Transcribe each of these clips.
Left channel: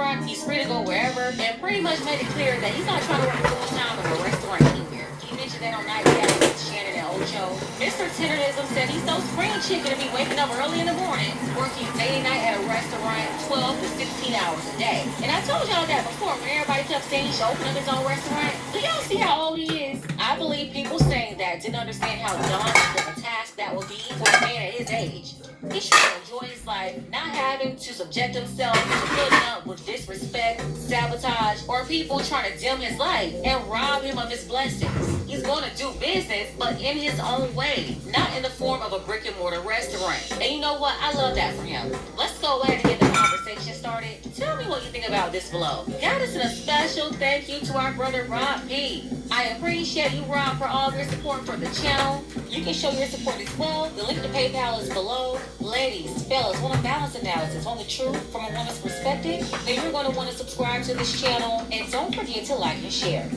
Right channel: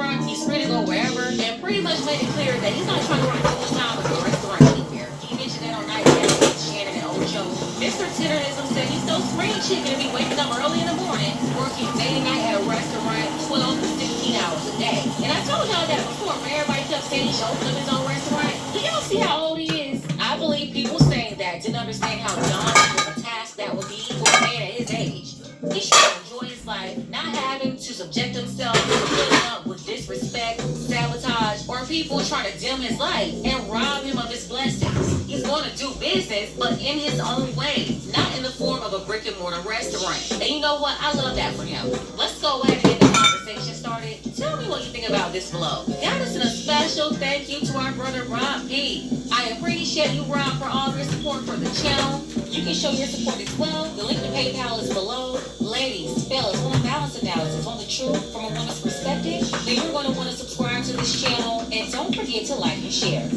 restaurant, he's free to go wherever, and pretty much made it clear that he's not trying to work full time at a restaurant anywhere. He mentioned that on Night with Shannon and Ocho. Mr. Tenderism said he's no spring chicken to be waking up early in the morning, working day and night at a restaurant 12 to 16 hours a day. And I told y'all that before, when everybody kept saying he should open up his own restaurant. Do y'all see how old he is? I believe people saying that didn't understand how daunting of a task that would be for a man at his age. He should enjoy his life, not having to subject himself to putting up with disrespect, sabotage, or people trying to dim his light and rob him of his blessings. He's going to do business, but in his own way, not in the form of a brick and mortar restaurant. And you know what? I love that for him. Let's go ahead and get the conversation started. Tell me what you think about this below. Now, this is a special thank you to our brother Rob P. I appreciate you, Rob, for all of your support for the channel. You can show your support as well. The link to PayPal is below. Ladies, fellas, want a balance analysis on the truth from a woman's perspective? Then you're going to want to subscribe to this channel, and don't forget to like and share.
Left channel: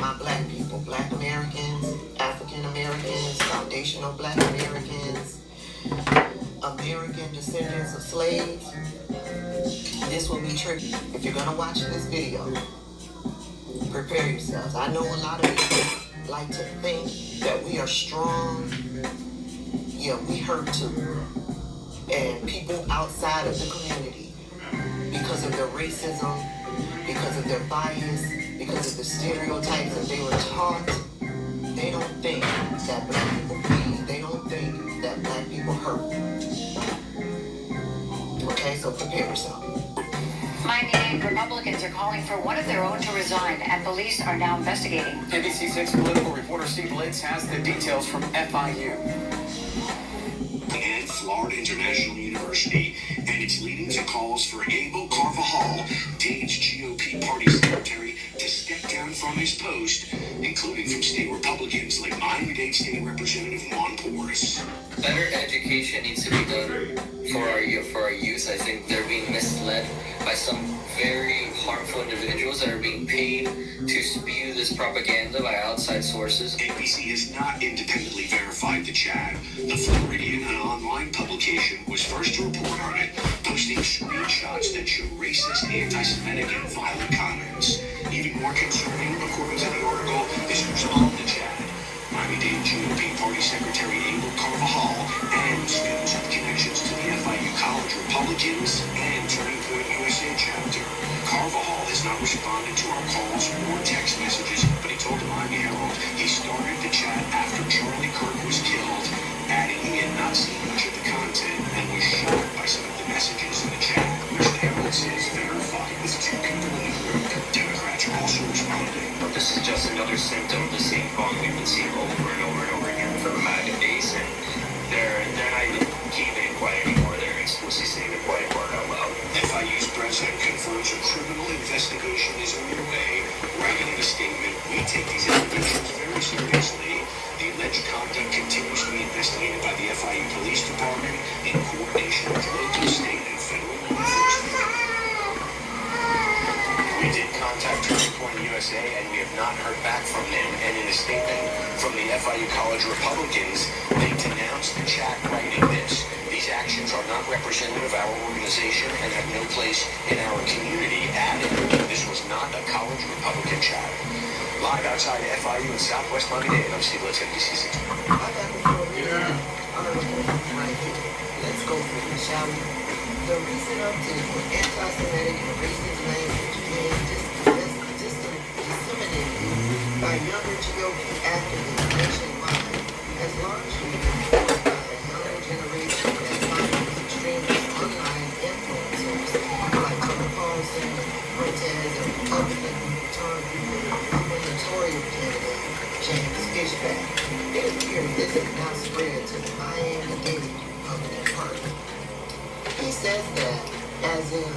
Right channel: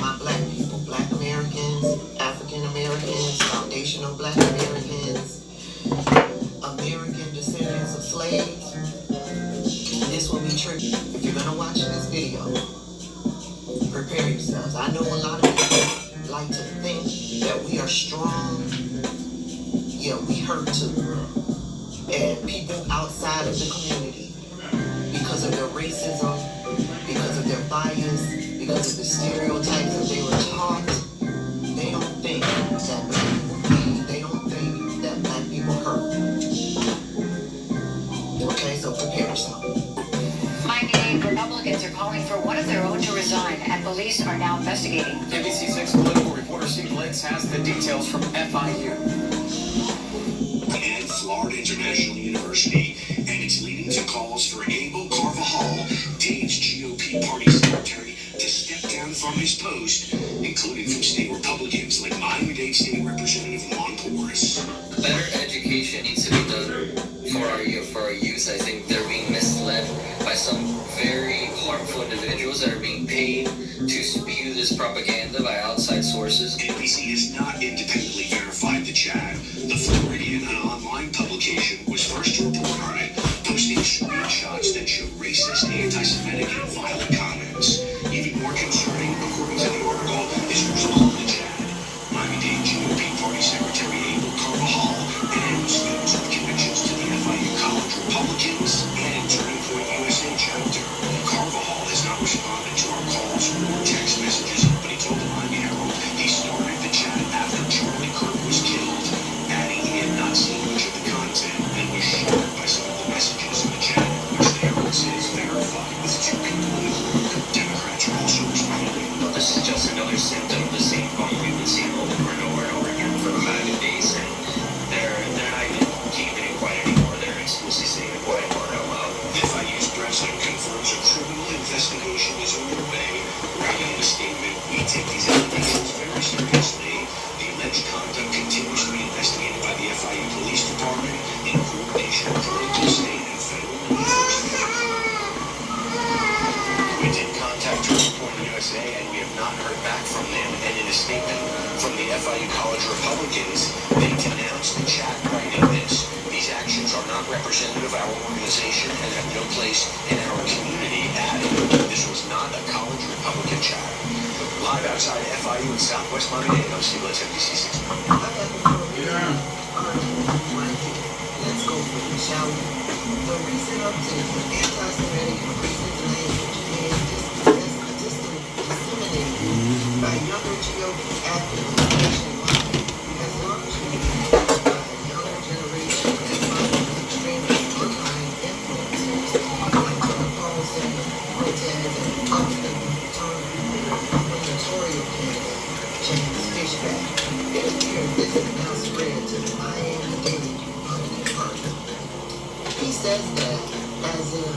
My black people, black Americans, African Americans, foundational black Americans, American descendants of slaves, this will be tricky. If you're gonna watch this video, prepare yourselves. I know a lot of people like to think that we are strong. Yeah, we hurt too. And people outside of the community, because of their racism, because of their bias, because of the stereotypes that they were taught, they don't think that black people bleed. They don't think that black people hurt. Okay, so prepare yourself. Minding Republicans are calling for one of their own to resign, and police are now investigating. ABC6 political reporter Steve Litz has the details from FIU. And Florida International University, and it's leading to calls for Abel Carvajal, Dade's GOP party secretary, to step down from his post, including from state Republicans like Miami-Dade State Representative Juan Porras. Better education needs to be done for our youth. I think they're being misled by some very harmful individuals that are being paid to spew this propaganda by outside sources. NBC has not independently verified the chat. The Floridian, an online publication, was first to report on it, posting screenshots that show racist, anti-Semitic, and violent comments. Even more concerning, according to the article, is who's on the chat. Miami-Dade GOP Party Secretary Abel Carvajal and students with connections to the FIU College Republicans and Turning Point USA chapter. Carvajal has not responded to our calls or text messages, but he told the Miami Herald he started the chat after Charlie Kirk was killed, adding he had not seen much of the content and was shocked by some of the messages in the chat, which the Herald says verified with two people in the group. Democrats are also responding. But this is just another symptom of the same problem we've been seeing over and over and over again for the MAGA base, and they're not even keeping it quiet anymore. They're explicitly saying the quiet part out loud. FIU's president confirms a criminal investigation is underway, writing in a statement, "We take these allegations very seriously. The alleged conduct continues to be investigated by the FIU Police Department in coordination with local, state, and federal law enforcement." We did contact Turning Point USA, and we have not heard back from them. And in a statement from the FIU College Republicans, they denounced the chat, writing this: "These actions are not representative of our organization and have no place in our community," adding this was not a college Republican chat. Live outside FIU in Southwest Miami-Dade, I'm Steve Litz, NBC6. I got the program. Let's go for it, shall we? The recent uptick in anti-Semitic and racist language is disseminated by younger GOP activists nationwide has launched a younger generation that follows extremist online influencers like KoCoJellie, and Republican gubernatorial candidate James Fishback. It appears this is now spread to the Miami-Dade Republican Party. He says that as in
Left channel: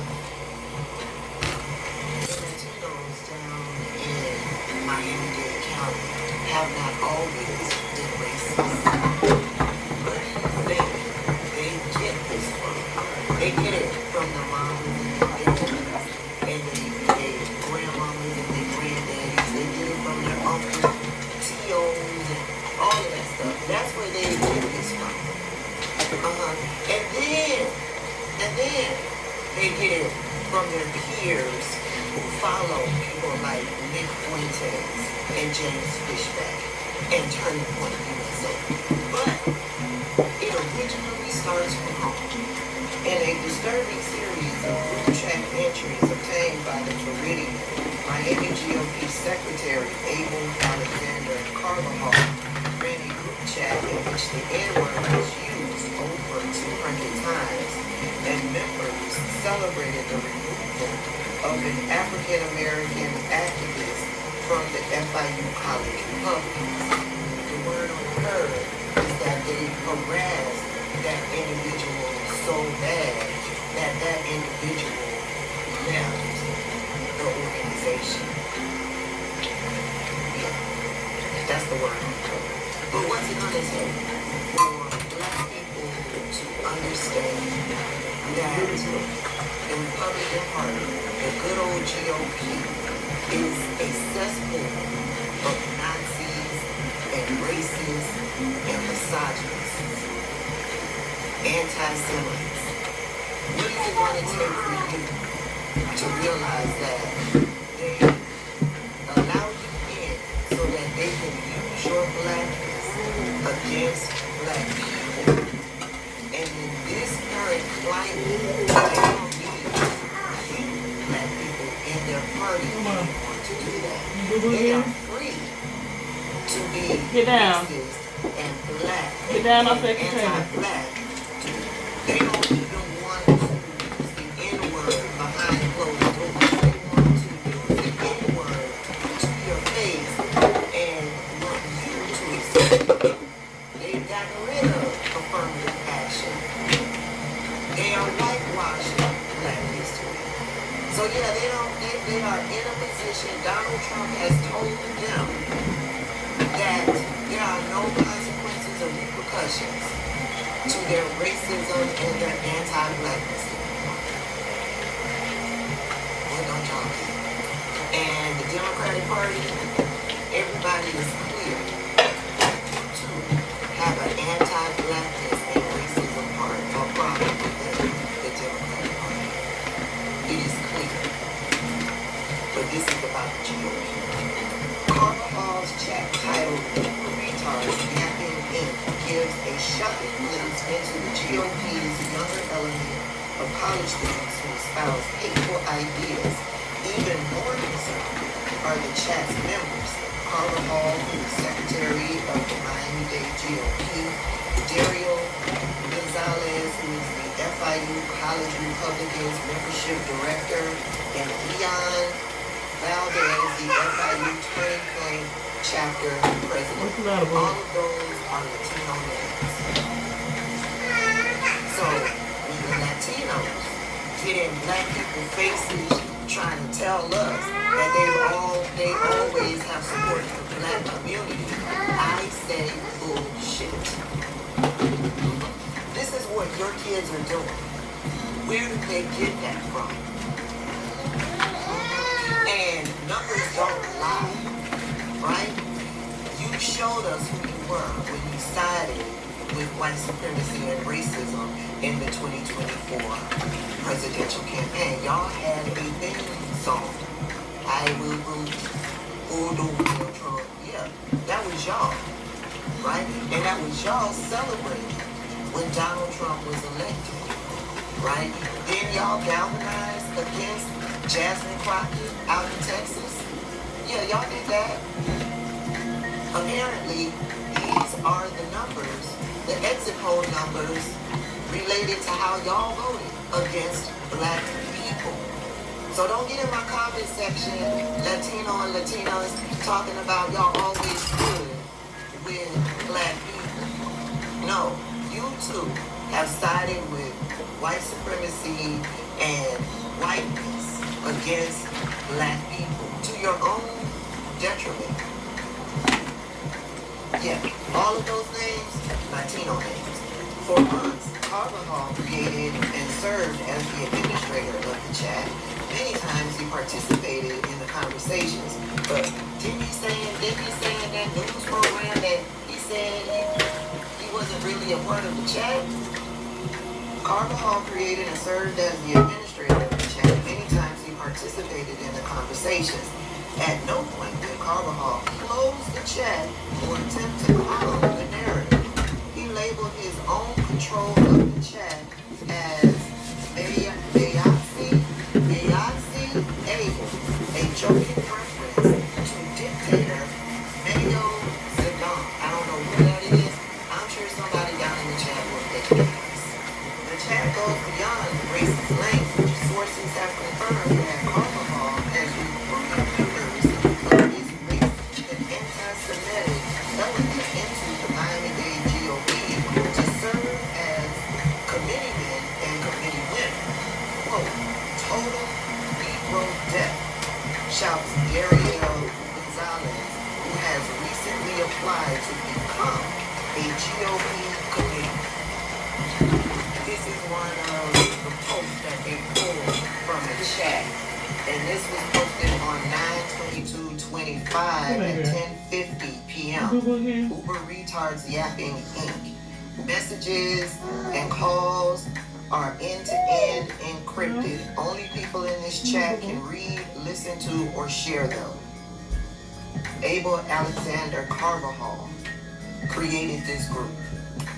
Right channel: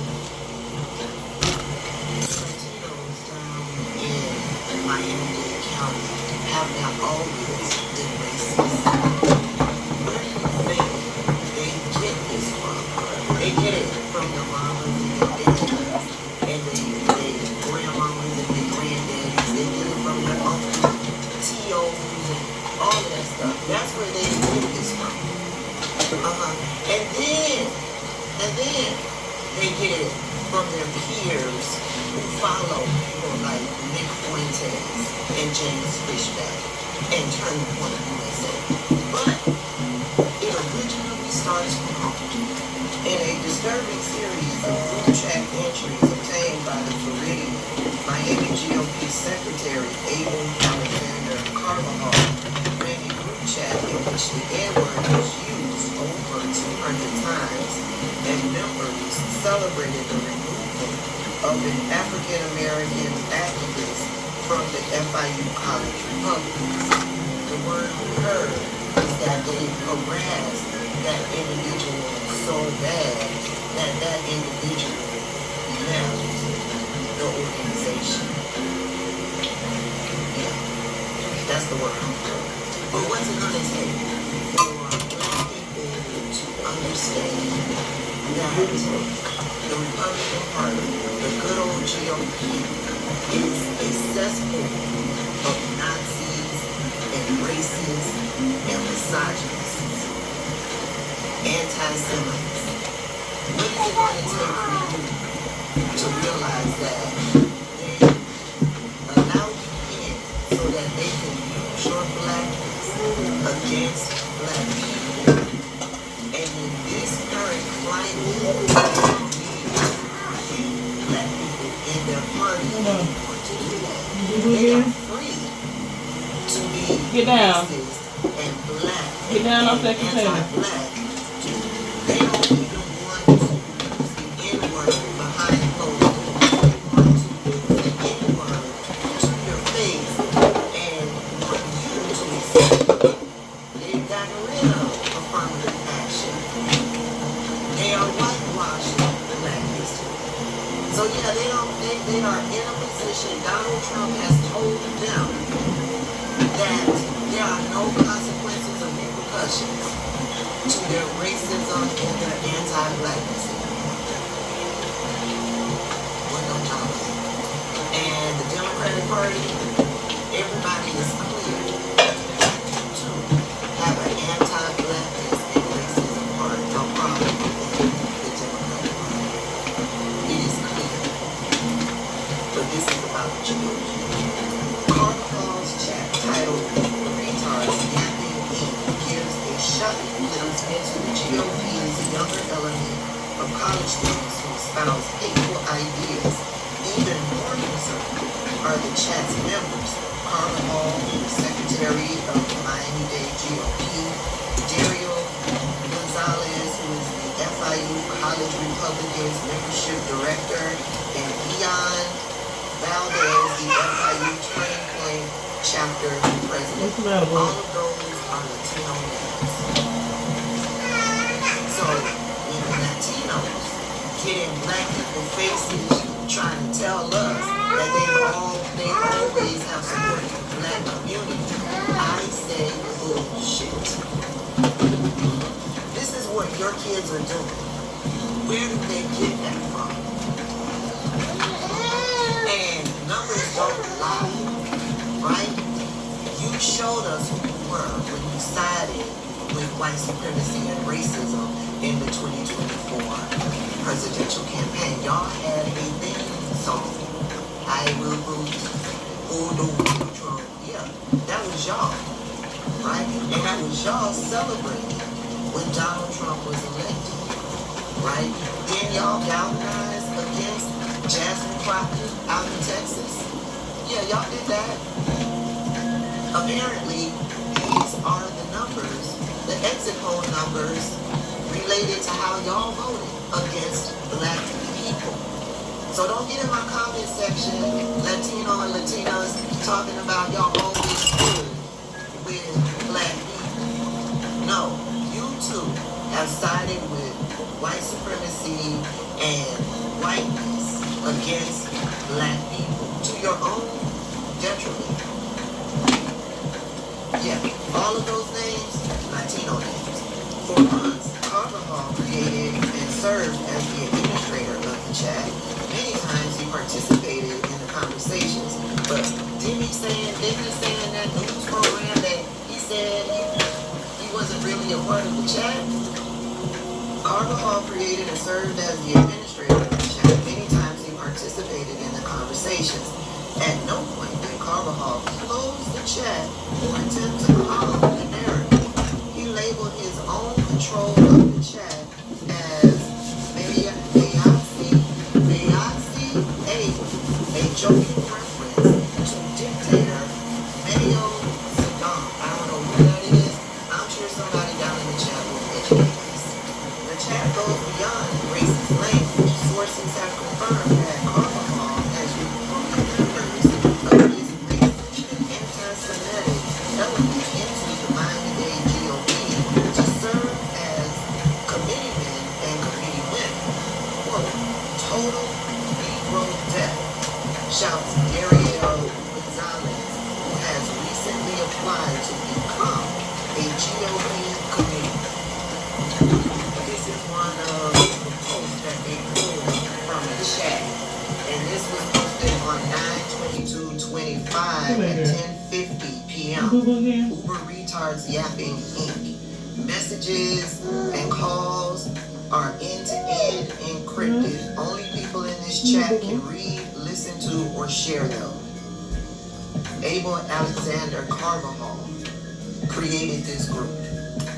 Latinos down in Miami-Dade County have not always been racist. Where do you think they get this from? They get it from the mamas and the daddies and the grandmamas and the their peers who follow people like Nick Fuentes and James Fishback and Turn the Point USA. But it originally starts from home. In a disturbing series of group chat entries obtained by the Floridian Miami GOP Secretary Abel Alexander Carvajal ran a group chat in which the N-word was used over 200 times, and members celebrated the removal of an African-American activist from the FIU College Republicans. The word heard is that they harassed that individual so bad that that individual left the organization. Yeah, that's the word. But what's it going to take for Black people to understand that the Republican Party, the good old GOP, is a cesspool of Nazis and racists and misogynists, anti-Semites? What is it going to take for you to realize that they allow you in so that they can use your blackness against Black people? And in this current climate, they don't need Black people in their party to do that. They are free to be racist and black and anti-black. They don't even want to use the N-word behind closed doors. They want to use the N-word to your face and want you to accept it. They've gotten rid of affirmative action. They are whitewashing Black history. So yeah, they are in a position. Donald Trump has told them that there are no consequences or repercussions to their racism and their anti-blackness. What don't y'all think? And the Democratic Party, everybody is clear to have an anti-blackness and racism problem with the Democratic Party. It is clear. But this is about the GOP. Carvajal's chat titled "Retards Napping In" gives a shocking glimpse into the GOP's younger element of college students who espouse hateful ideas. Even more concerned are the chat's members: Carvajal, the Secretary of the Miami-Dade GOP, Dario Gonzalez, who is the FIU College Republicans Membership Director, and Leon Valdez, the FIU Train Play Chapter President. All of those are Latino names. So when the Latinos get in Black people's faces trying to tell us that they always have supported the Black community, I say bullshit. This is what your kids are doing. Where did they get that from? And numbers don't lie, right? You showed us who you were when you sided with white supremacy and racism in the 2024 presidential campaign. Y'all had a theme song. I will root, Donald Trump. Yeah, that was y'all, right? And that was y'all celebrating when Donald Trump was elected, right? Then y'all galvanized against Jasmine Crockett out in Texas. Yeah, y'all did that. Apparently, these are the numbers, the exit poll numbers related to how y'all voted against Black people. So don't get in my comment section, Latino and Latinas, talking about y'all always good with Black people. No, you too have sided with white supremacy and whiteness against Black people to your own detriment. Yeah, all of those names, Latino names. For months, Carvajal created and served as the administrator of the chat. Many times he participated in the conversations, but didn't he say in that news program that he said he wasn't really a part of the chat? Carvajal created and served as the administrator of the chat. Many times participated in the conversations. At no point did Carvajal close the chat or attempt to follow the narrative. He labeled his own control of the chat as a joking reference to dictator Mayo Saddam. I don't know who that is. I'm sure somebody down in the chat will educate us. The chat goes beyond racist language. Sources have confirmed that Carvajal has recruited members of his racist and anti-Semitic element into the Miami-Dade GOP to serve as committeemen and committee women. Quote, total Negro death, shouts Dario Gonzalez, who has recently applied to become a GOP committee. This is one of the posts that they pulled from the chat, and this was posted on 9/22/25 at 10:50 p.m. Uber Retards Yapping Inc. Messages and calls are end-to-end encrypted. Only people in this chat can read, listen to, or share them. Abel Alexander Carvajal created this group.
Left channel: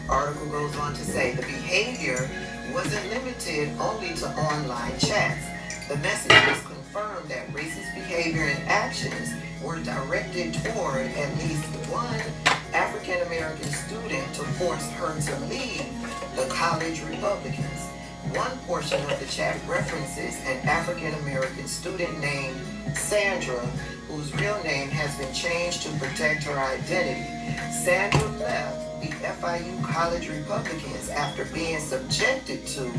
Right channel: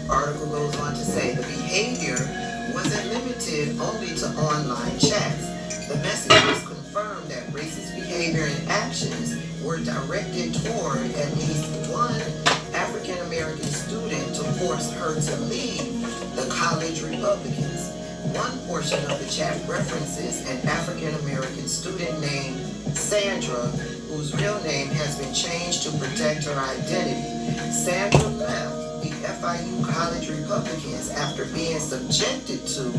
Article goes on to say the behavior wasn't limited only to online chats. The messages confirmed that racist behavior and actions were directed toward at least one African American student to force her to leave the college Republicans. One portion of the chat references an African American student named Sandra, whose real name has been changed to protect her identity. Sandra left the FIU College Republicans after being subjected to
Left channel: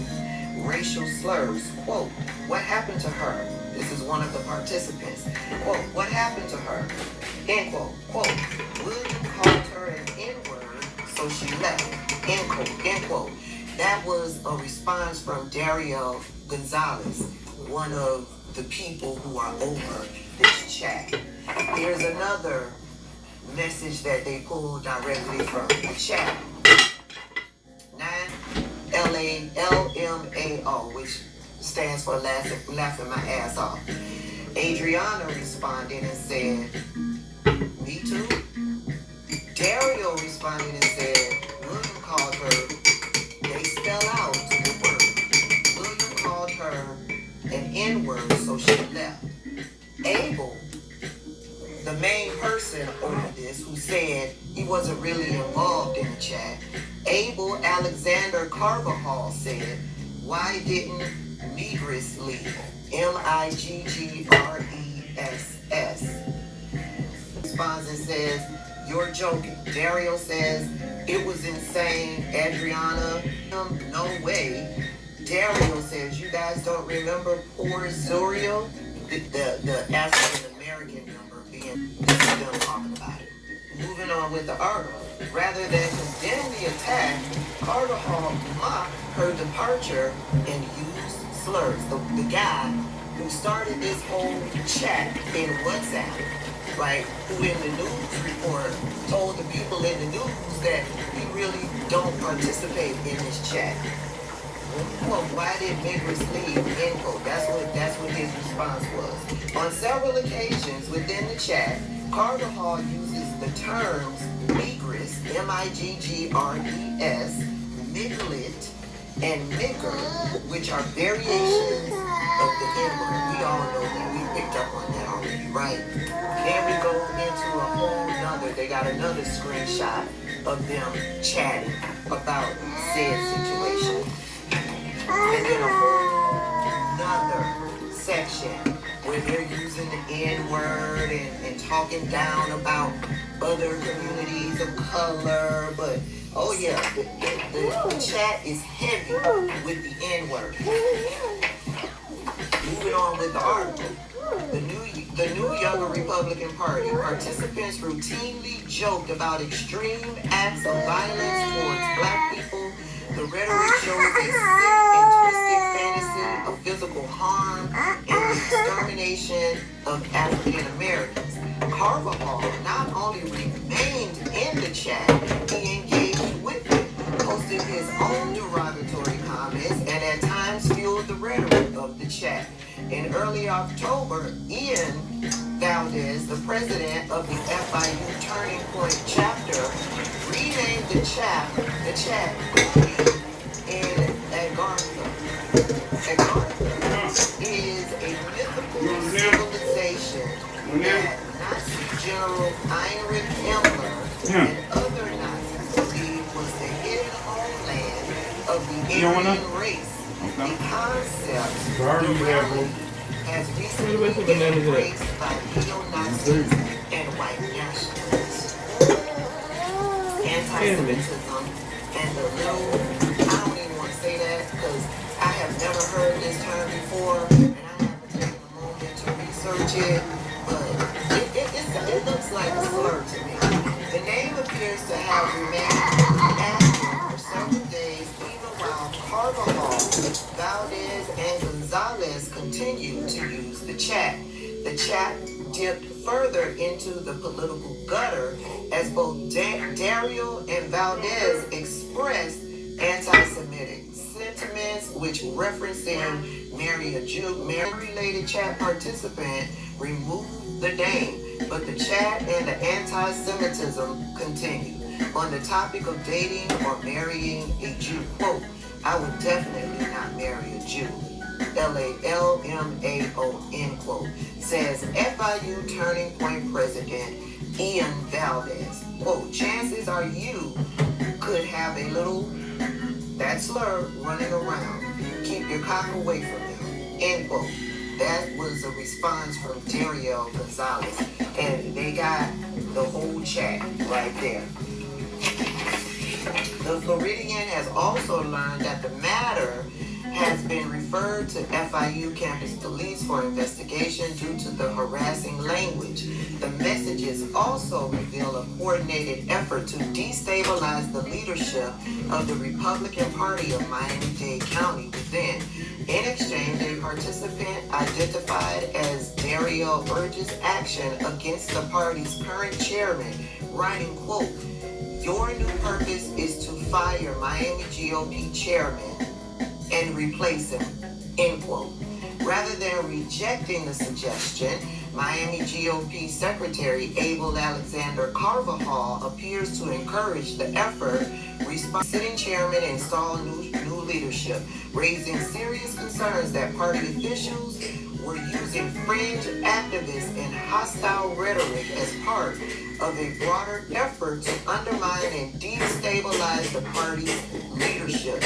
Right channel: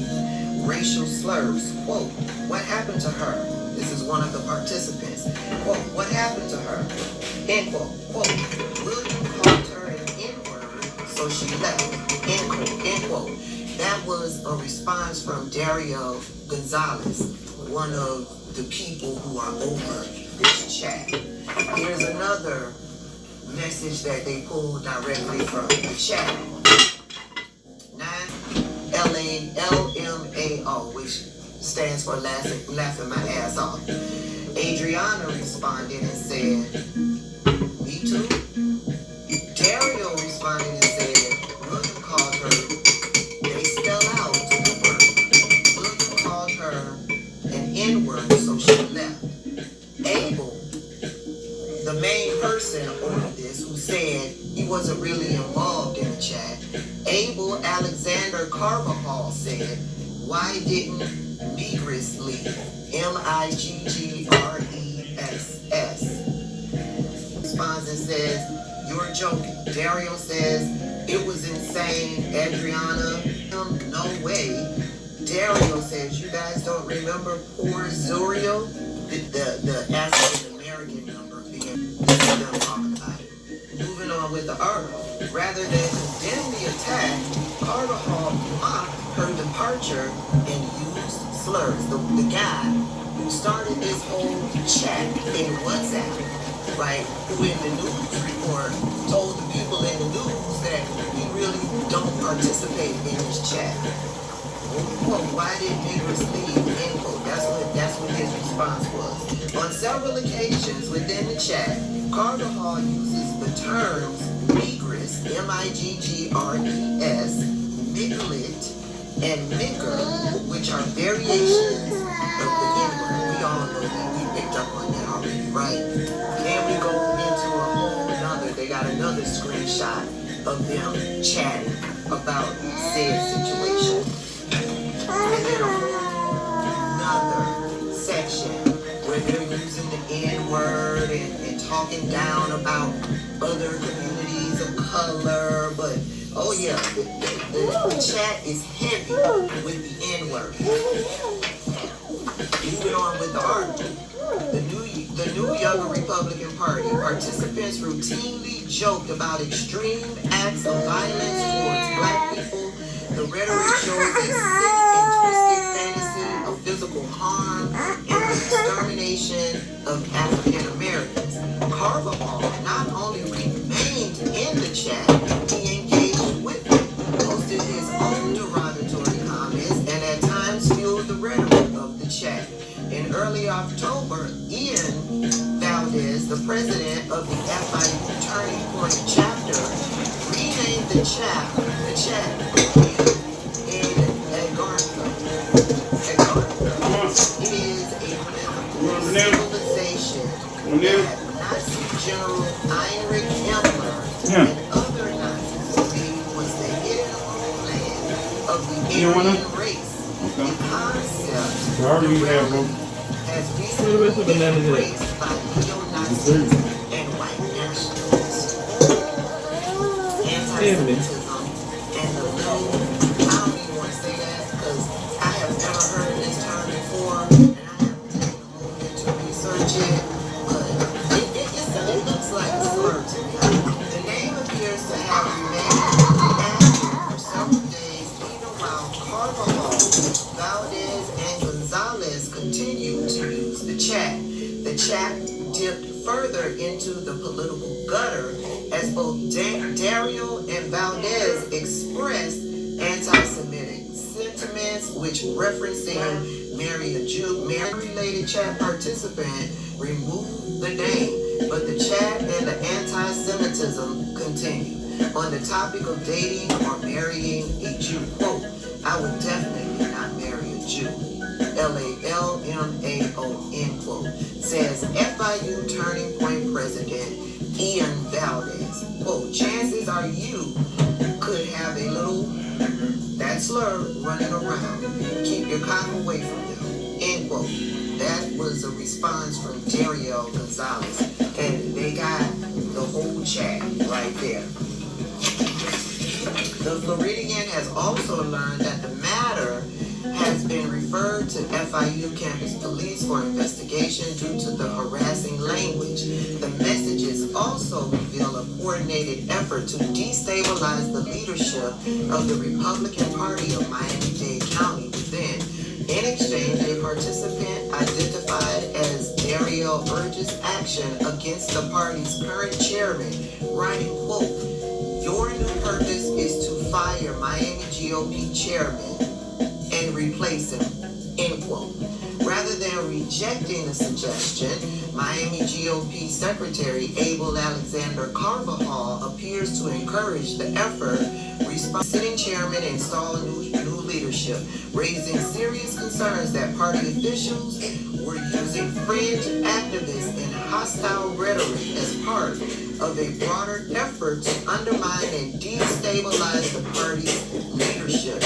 racial slurs. Quote, what happened to her? This is one of the participants. Quote, what happened to her? End quote. Quote, William called her an N-word, so she left. End quote. End quote. That was a response from Dario Gonzalez, one of the people who are over this chat. Here's another message that they pulled directly from the chat. 9LALMAO, which stands for laughing my ass off. Adriana responded and said, me too. Dario responded and said, William called her, they spell out the word. William called her an N-word, so she left. Abel, the main person over this, who said he wasn't really involved in the chat, Abel Alexander Carvajal said, why didn't Migris leave? MIGGRESS. Responds and says, you're joking. Dario says, it was insane. Adriana, no way. Dario says, you guys don't remember poor Zuriel? The African American member being them talking about it. Moving on with the article. Rather than condemn the attack, Carvajal mocked her departure and used slurs. The guy who started this whole chat in WhatsApp, right, who in the news report told the people in the news that we really don't participate in this chat. Well, why did Migris leave? End quote. That's what his response was. On several occasions within the chat, Carvajal uses the terms Migris, MIGGRES, Miglet, and nigger, which are variations of the N-word. We all know we picked up on that already, right? Then we go into a whole nother, they got another screenshot of them chatting about said situation. And then a whole nother section where they're using the N-word and talking down about other communities of color, but oh yeah, the chat is heavy with the N-word. Moving on with the article. The new Younger Republican Party participants routinely joked about extreme acts of violence towards black people. The rhetoric shows a sick and twisted fantasy of physical harm and the extermination of African Americans. Carvajal not only remained in the chat, he engaged with it, posted his own derogatory comments, and at times fueled the rhetoric of the chat. In early October the president of the FIU Turning Point chapter, renamed the chat in Agartha. Agartha is a mythical civilization that Nazi General Heinrich Himmler and other Nazis believed was the hidden homeland of the Aryan race. The concept has recently been embraced by neo-Nazis and white nationalists. Anti-Semitism and the little, I don't even want to say that because I have never heard this term before and I haven't taken a moment to research it, but it looks like a slur to me. The name appears to have remained active for several days even while Carvajal, Valdez, and Gonzalez continued to use the chat. The chat dipped further into the political gutter as both Dario and Valdez expressed anti-Semitic sentiments, which referencing Mary a Jew, Mary-related chat participant removed the name, but the chat and the anti-Semitism continued. On the topic of dating or marrying a Jew, quote, I would definitely not marry a Jew. LALMAO, end quote, says FIU Turning Point President Ian Valdez. Quote, chances are you could have a little, that slur running around. Keep your cock away from them, end quote. That was a response from Dario Gonzalez. And they got the whole chat right there. The Floridian has also learned that the matter has been referred to FIU campus police for investigation due to the harassing language. The messages also reveal a coordinated effort to destabilize the leadership of the Republican Party of Miami-Dade County within. In exchange, a participant identified as Dario urges action against the party's current chairman, writing, quote, your new purpose is to fire Miami GOP chairman and replace him, end quote. Rather than rejecting the suggestion, Miami GOP Secretary Abel Alexander Carvajal appears to encourage the effort. Sitting chairman install new leadership, raising serious concerns that party officials were using fringe activists and hostile rhetoric as part of a broader effort to undermine and destabilize the party's leadership.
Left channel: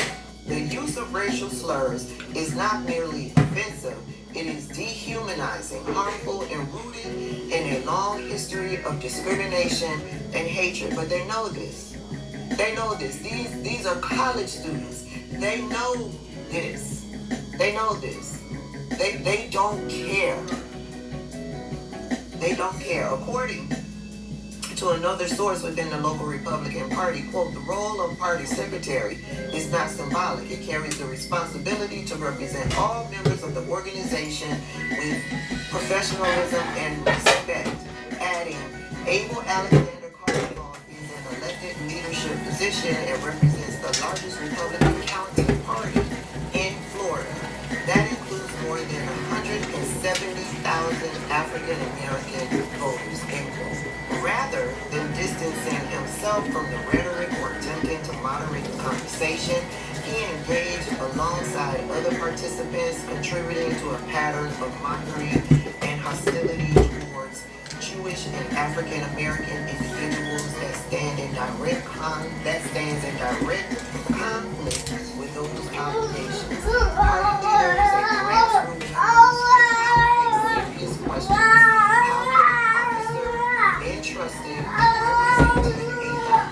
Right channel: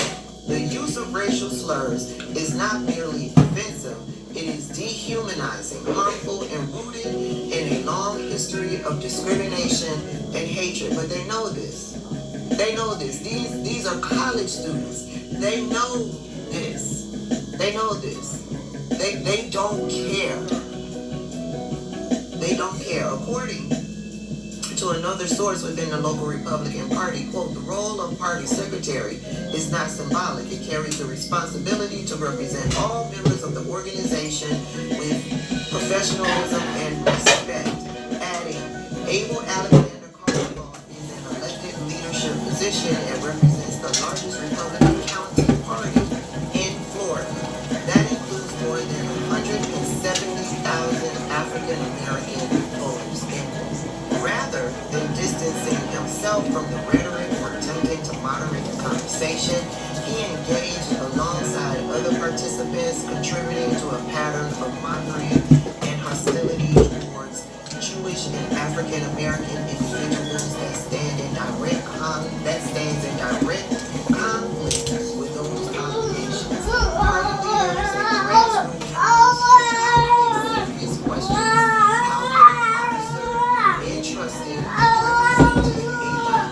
The use of racial slurs is not merely offensive, it is dehumanizing, harmful, and rooted in a long history of discrimination and hatred. But they know this. They know this. These are college students. They know this. They know this. They don't care. They don't care. According to another source within the local Republican Party, quote, the role of party secretary is not symbolic. It carries the responsibility to represent all members of the organization with professionalism and respect. Adding, Abel Alexander Carvajal is an elected leadership position and represents the largest Republican county party in Florida. That includes more than 170,000 African American voters. Rather than distancing himself from the rhetoric or attempting to moderate the conversation, he engaged alongside other participants, contributing to a pattern of mockery and hostility towards Jewish and African American individuals that stands in direct conflict with those obligations. Party leaders and grassroots serious questions. How can an officer entrusted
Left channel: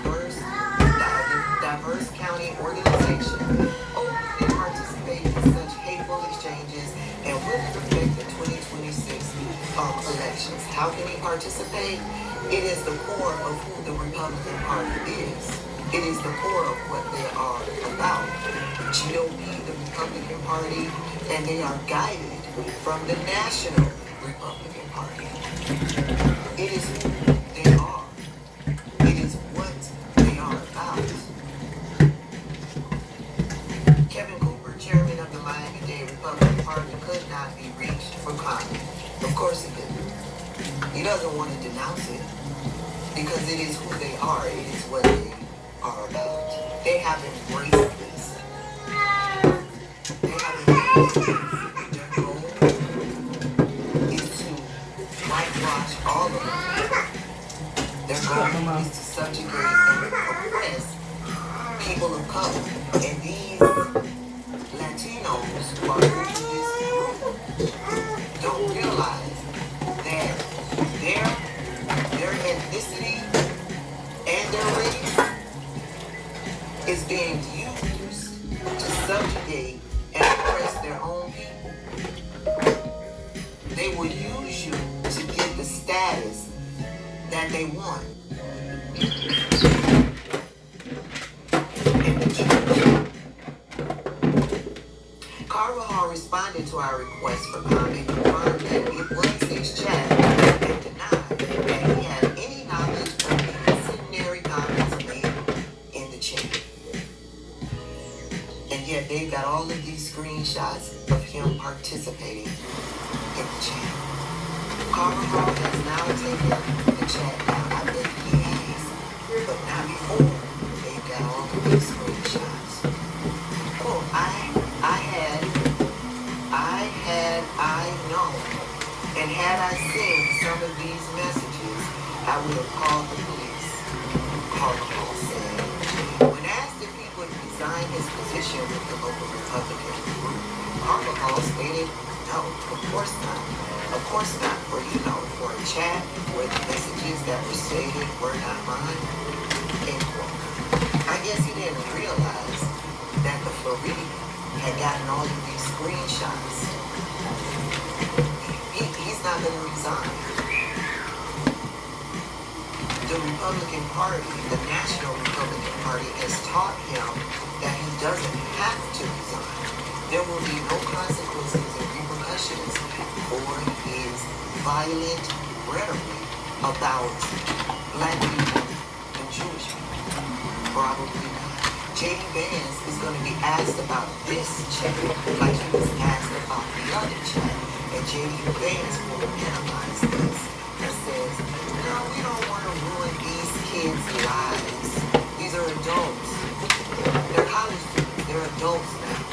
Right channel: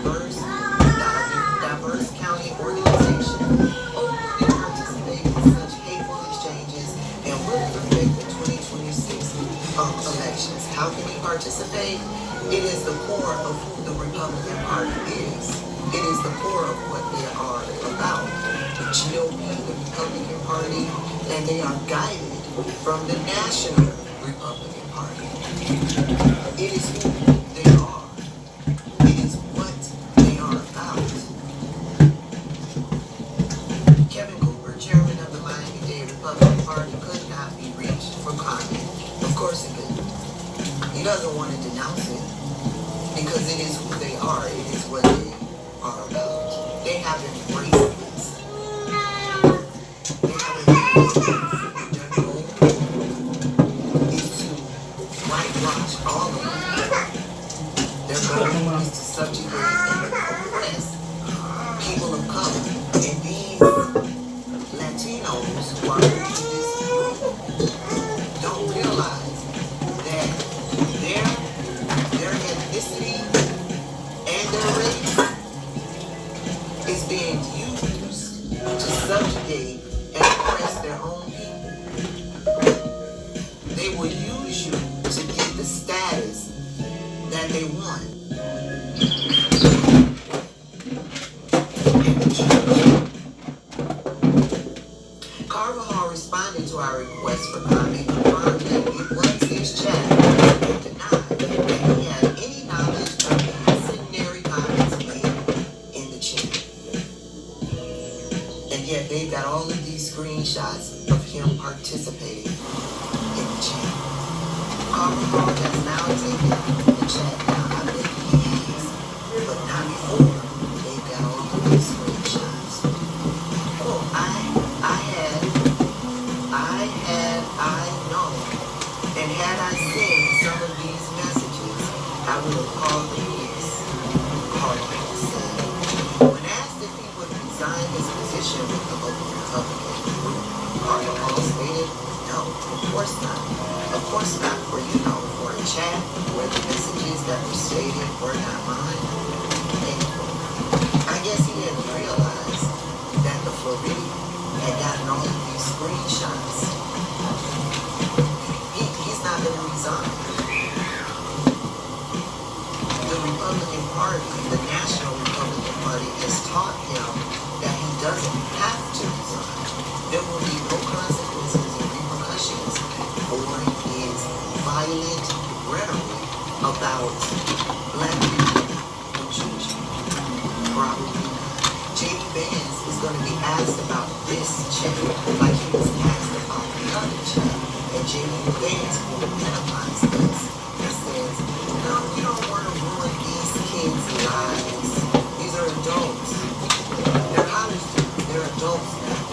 representing a diverse county organization openly participate in such hateful exchanges, and will it affect the 2026 elections? How can he participate? It is the core of who the Republican Party is. It is the core of what they are about. The GOP, the Republican Party, and they are guided from the National Republican Party. It is who they are. It is what they are about. Kevin Cooper, chairman of the Miami-Dade Republican Party, could not be reached for comment. Of course he didn't. He doesn't want to denounce it because it is who they are. It is what they are about. They have embraced this. They have embraced this. Their goal is to whitewash all of them. Their goal is to subjugate and oppress people of color. And these Latinos who are in this group don't realize that their ethnicity and their race is being used to subjugate and oppress their own people. They will use you to get the status that they want. Carvajal responded to our request for comment, confirmed that it was his chat, and denied that he had any knowledge of the incendiary comments made in the chat. And yet they got all of these screenshots of him participating in the chat. Carvajal has now taken the chat down. I bet he has, but not before they got all of these screenshots. Oh, I know, and had I seen some of these messages, I would have called the police. Carvajal said. When asked if he would resign his position with the local Republican group, Carvajal stated, no, of course not. Of course not, for for a chat where the messages that were stated were not mine. End quote. I guess he didn't realize that the Floridian had gotten all of these screenshots. He's not going to resign. The Republican Party, the National Republican Party, has taught him that he doesn't have to resign. There will be no consequences and repercussions for his violent rhetoric about black people and Jewish people. Probably not. J.D. Vance is going to be asked about this chat like he was asked about the other chat. And J.D. Vance will minimize this and says, no, we don't want to ruin these kids' lives. These are adults. They're college students. They're adults now.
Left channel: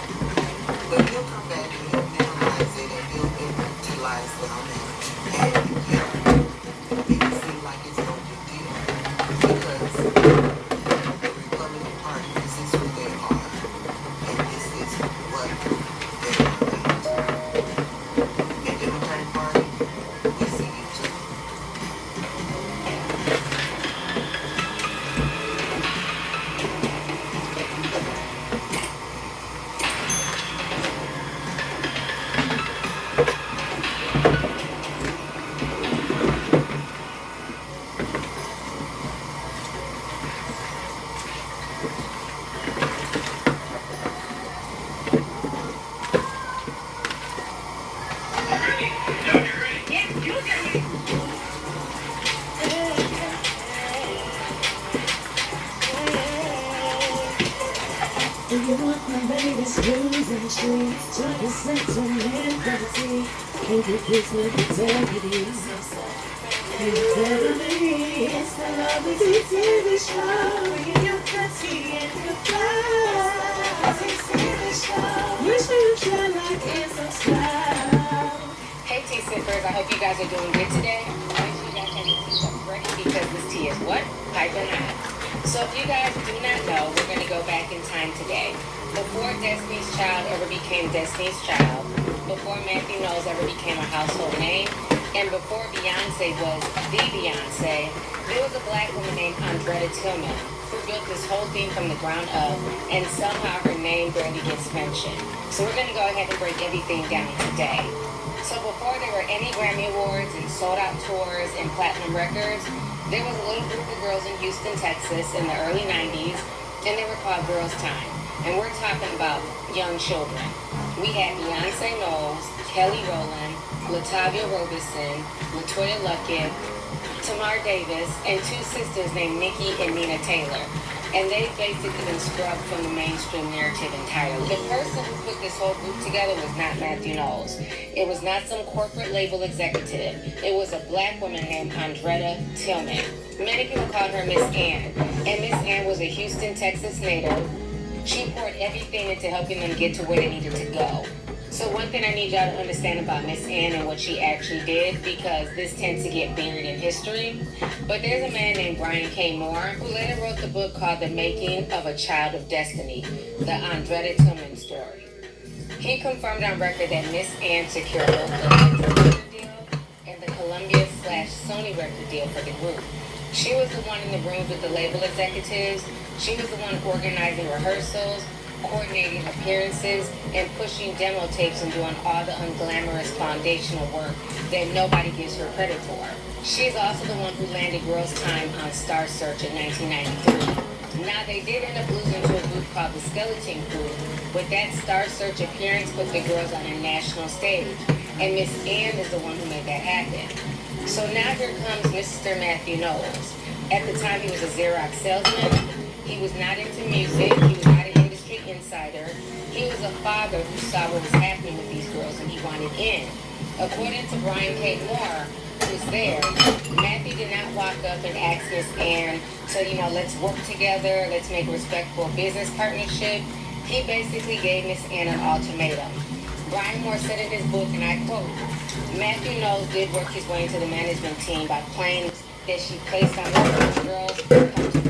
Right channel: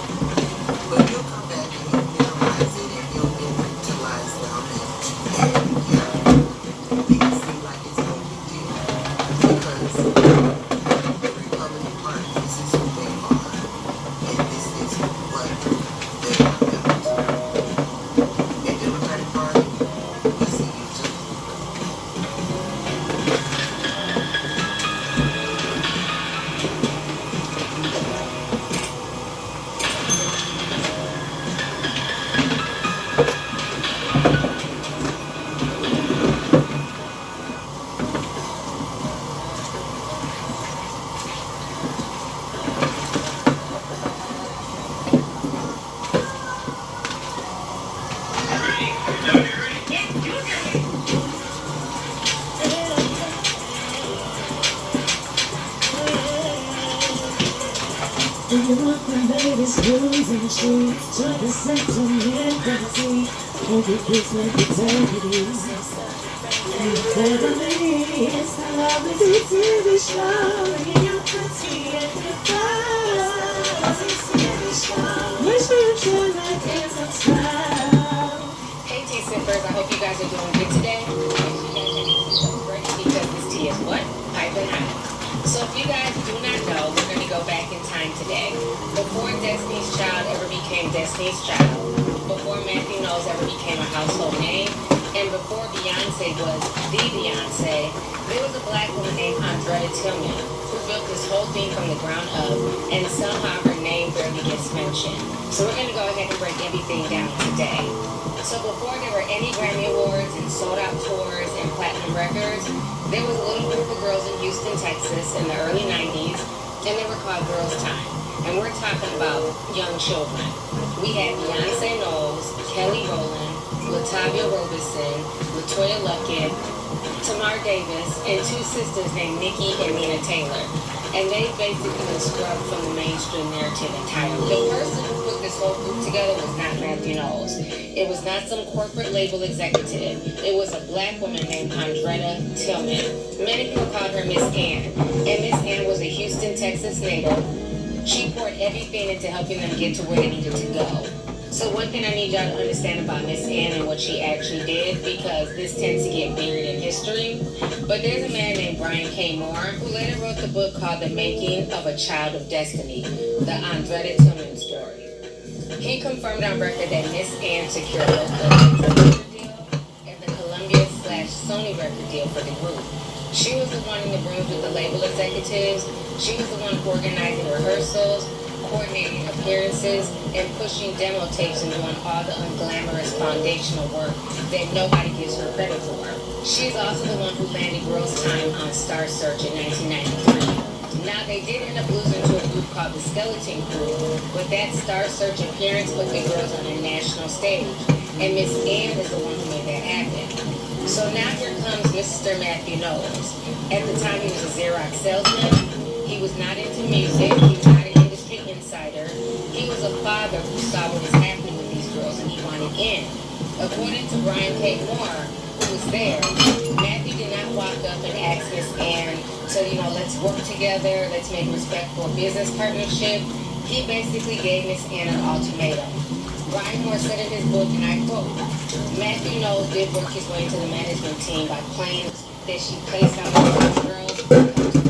But he'll come back and he'll minimize it and he'll infantilize them. And yeah, make it seem like it's no big deal. Because the Republican Party, this is who they are. And this is what they are about. And Democratic Party, we see you too. Do you want my baby's blues and shoes? Join the sentiment fantasy. Won't you please let me tell you this? You never miss the lovely TV show. In your country and your class. TV show. Make sure you try like and subscribe. Hey, tea sippers, I hope you guys are doing good today. Make sure you guys have your tea ready because this tea is what? Piping hot. So if you guys do not know, we're going to go back in time today. Before Destiny's Child ever became Destiny's Child, before Matthew Knowles ever became a household name, and before Beyonce was the Beyonce, there was a black woman named Andrea Tillman who built this whole thing from the ground up, and somehow her name barely gets mentioned. So we're going to go ahead and break everything down today. So before there were any Grammy Awards and sold-out tours and platinum records, there was a little group of girls in Houston, Texas in the early 90s, and they were called Girls Time. And we're talking about young children. We had Beyonce Knowles, Kelly Rowland, Latavia Roberson, LaToya Luckett, Tamar Davis, and two sisters named Nikki and Nina Taylor. And they basically been scrubbed from the mainstream narrative entirely. The person who put this whole group together was not Matthew Knowles. It was not some corporate label executive. It was a black woman named Andretta Tillman. Many people call her Miss Ann. And Miss Ann was a Houston, Texas native. She poured everything into helping them get to where they needed to go. So one thing I need y'all to understand about Miss Ann and what she actually did, because this tends to get buried in history, but there's a man named Brian K. Moore who later wrote the book called The Making of a Child of Destiny, the Andretta Tillman story. He confirmed on record that Miss Ann secured both the record deal and the Columbia/Sony record deal for the group. She was the one in the rooms with the label executives. She was the one organizing rehearsals, coordinating appearances, and pushing demo tapes and doing all the unglamorous foundational work that nobody gives her credit for. She's also the one who landed Girls' Time on Star Search in 1993. Now, they did end up losing to a group called the Skeleton Crew, but that Star Search appearance put the girls on a national stage, and Miss Ann is the one who made that happen. So now here comes Mr. Matthew Knowles. At the time, he was a Xerox salesman. He was not into music. He was not an industry insider. He was a father who saw what was happening with these girls, and he wanted in. According to Brian K. Moore, who was there, Matthew did not walk up and ask Miss Ann to, let's work together, let's make a respectful business partnership. He basically gave Miss Ann an ultimatum. Brian Moore said in his book, and I quote, Matthew Knowles did work his way into the management team by claiming that she placed on the girls